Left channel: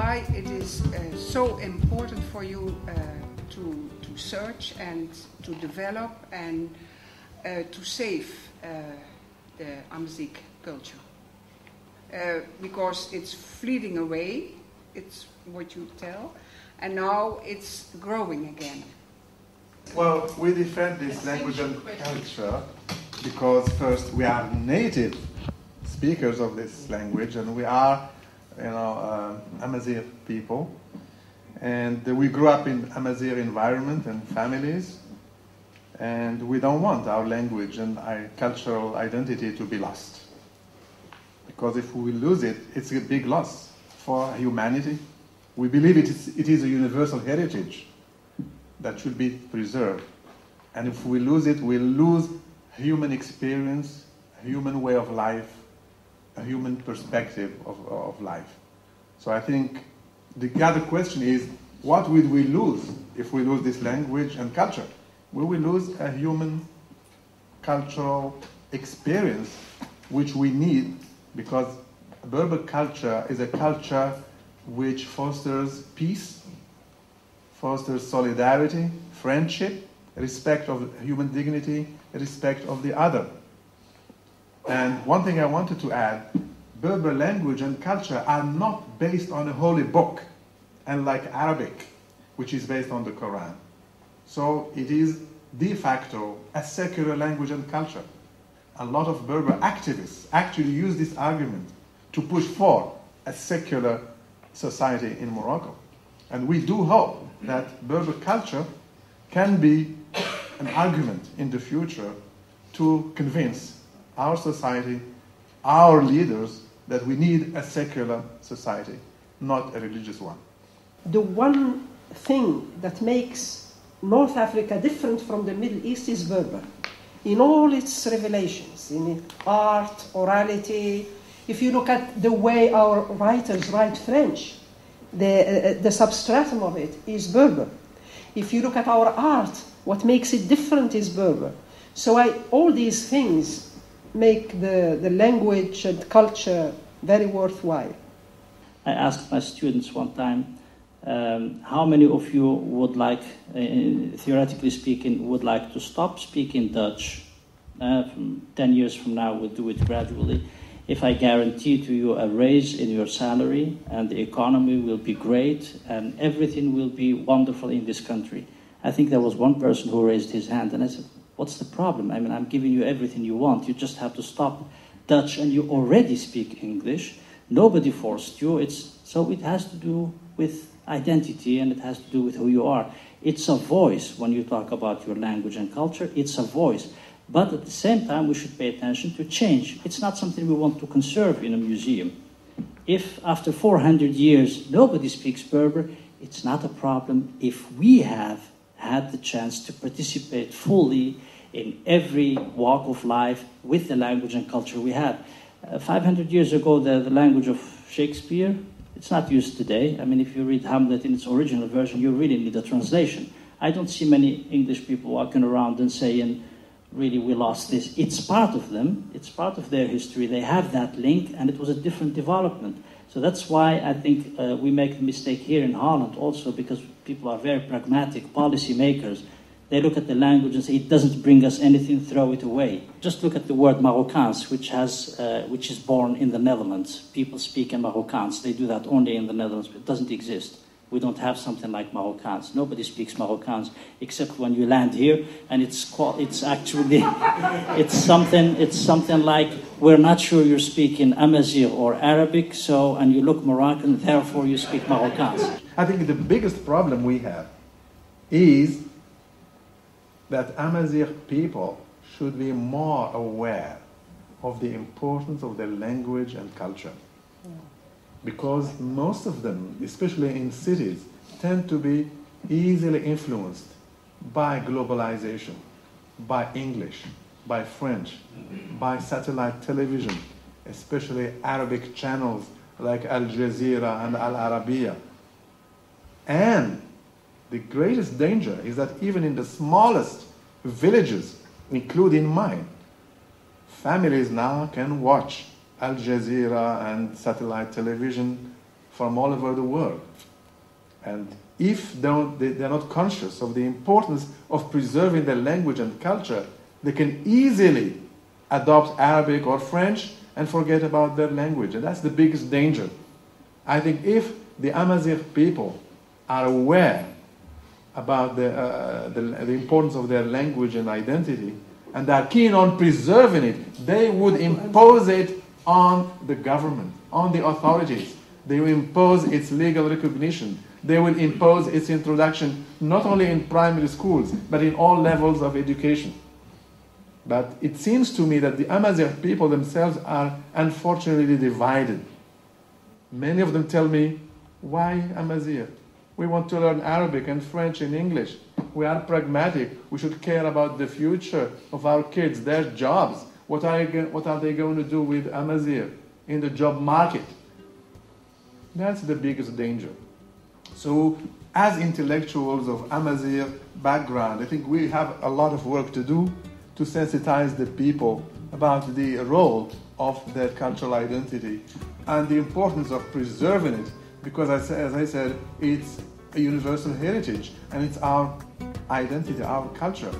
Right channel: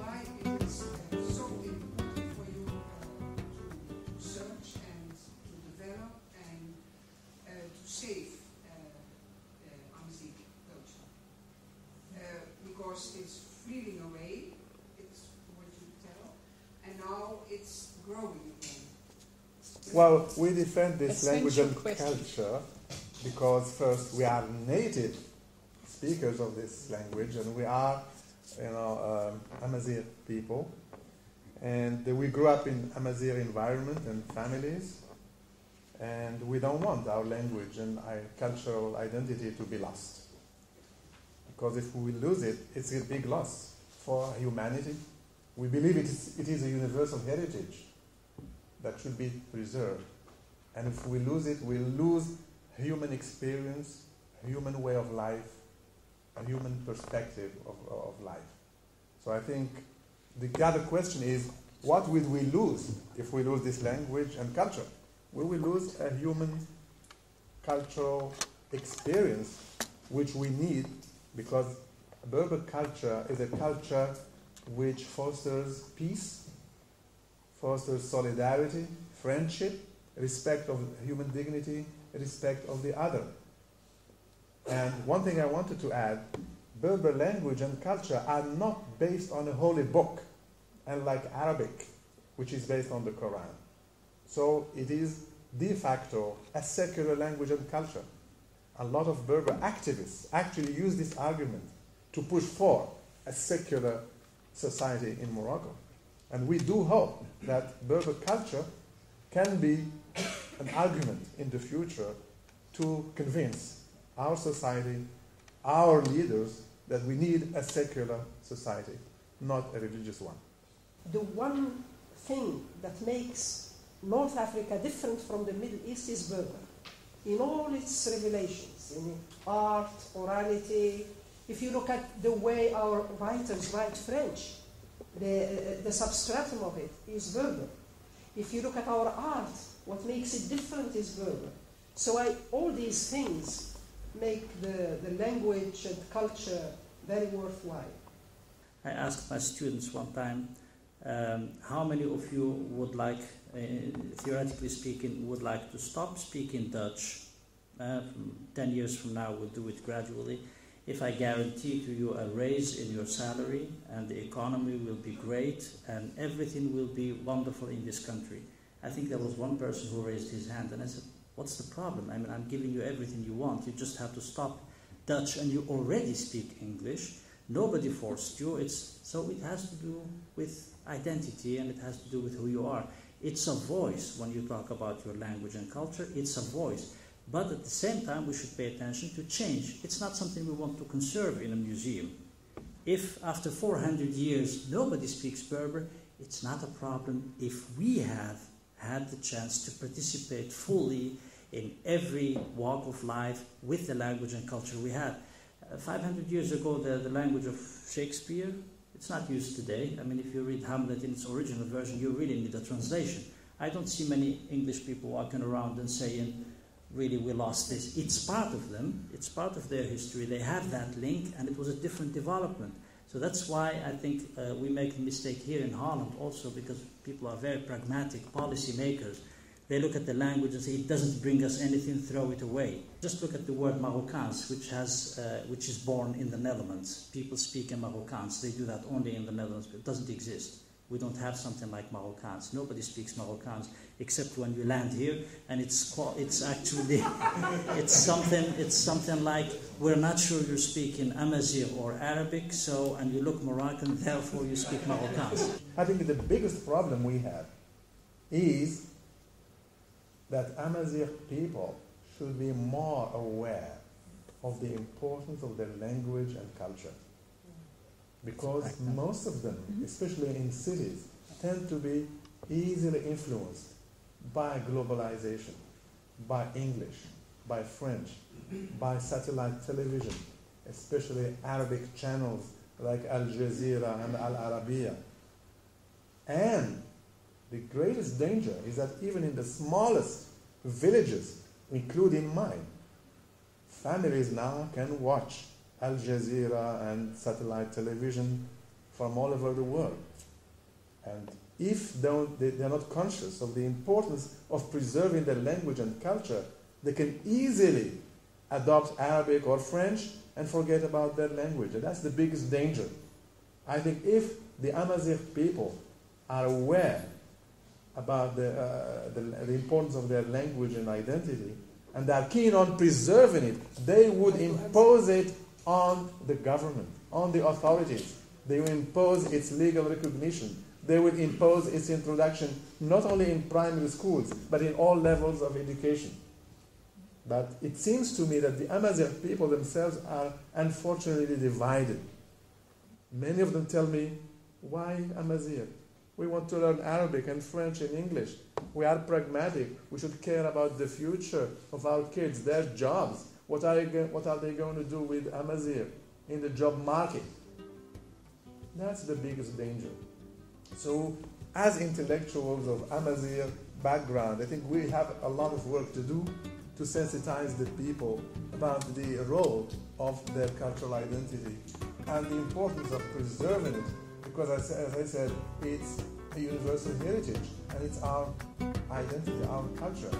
why it is so important for you to search and to develop and to save the Amazigh culture. Because it's fleeting away, it's what you tell, and now it's growing again. Well, we defend this language and culture because first we are native speakers of this language, and we are, Amazigh people, and we grew up in Amazigh environment and families, and we don't want our language and our cultural identity to be lost. Because if we lose it, it's a big loss for humanity. We believe it is a universal heritage that should be preserved. And if we lose it, we'll lose human experience, a human way of life, a human perspective of life. So I think the other question is, what will we lose if we lose this language and culture? We will lose a human cultural experience which we need, because Berber culture is a culture which fosters peace, fosters solidarity, friendship, respect of human dignity, respect of the other. And one thing I wanted to add, Berber language and culture are not based on a holy book, unlike Arabic, which is based on the Quran. So it is de facto a secular language and culture. A lot of Berber activists actually use this argument to push for a secular society in Morocco. And we do hope that Berber culture can be an argument in the future to convince our society, our leaders, that we need a secular society, not a religious one. The one thing that makes North Africa different from the Middle East is Berber. In all its revelations, in art, orality, if you look at the way our writers write French, the substratum of it is Berber. If you look at our art, what makes it different is Berber. So all these things make the language and culture very worthwhile. I asked my students one time, how many of you would like, theoretically speaking, would like to stop speaking Dutch? 10 years from now, we'll do it gradually. If I guarantee to you a raise in your salary, and the economy will be great, and everything will be wonderful in this country. I think there was one person who raised his hand, and I said, what's the problem? I mean, I'm giving you everything you want. You just have to stop Dutch, and you already speak English. Nobody forced you. So it has to do with identity, and it has to do with who you are. It's a voice. When you talk about your language and culture, it's a voice. But at the same time, we should pay attention to change. It's not something we want to conserve in a museum. If after 400 years nobody speaks Berber, it's not a problem if we have had the chance to participate fully in every walk of life with the language and culture we have. 500 years ago, the language of Shakespeare, it's not used today. I mean, if you read Hamlet in its original version, you really need a translation. I don't see many English people walking around and saying, really, we lost this. It's part of them. It's part of their history. They have that link, and it was a different development. So that's why I think we make a mistake here in Holland also, because people are very pragmatic policy makers. They look at the language and say, it doesn't bring us anything, throw it away. Just look at the word Marokkaans, which is born in the Netherlands. People speak in Marokkaans. They do that only in the Netherlands, but it doesn't exist. We don't have something like Marokkaans. Nobody speaks Marokkaans except when you land here, and it's actually it's something like, we're not sure you're speaking Amazigh or Arabic, and you look Moroccan, therefore you speak Marokkaans. I think the biggest problem we have is that Amazigh people should be more aware of the importance of their language and culture. Because most of them, especially in cities, tend to be easily influenced by globalization, by English, by French, by satellite television, especially Arabic channels like Al Jazeera and Al Arabiya. And the greatest danger is that even in the smallest villages, including mine, families now can watch Al Jazeera and satellite television from all over the world. And if they're not conscious of the importance of preserving their language and culture, they can easily adopt Arabic or French and forget about their language. And that's the biggest danger. I think if the Amazigh people are aware about the importance of their language and identity, and are keen on preserving it, they would impose it on the government, on the authorities. They will impose its legal recognition. They will impose its introduction not only in primary schools, but in all levels of education. But it seems to me that the Amazigh people themselves are unfortunately divided. Many of them tell me, why Amazigh? We want to learn Arabic and French and English. We are pragmatic. We should care about the future of our kids, their jobs. What are they going to do with Amazigh in the job market? That's the biggest danger. So, as intellectuals of Amazigh background, I think we have a lot of work to do to sensitize the people about the role of their cultural identity and the importance of preserving it, because as I said, it's a universal heritage and it's our identity, our culture.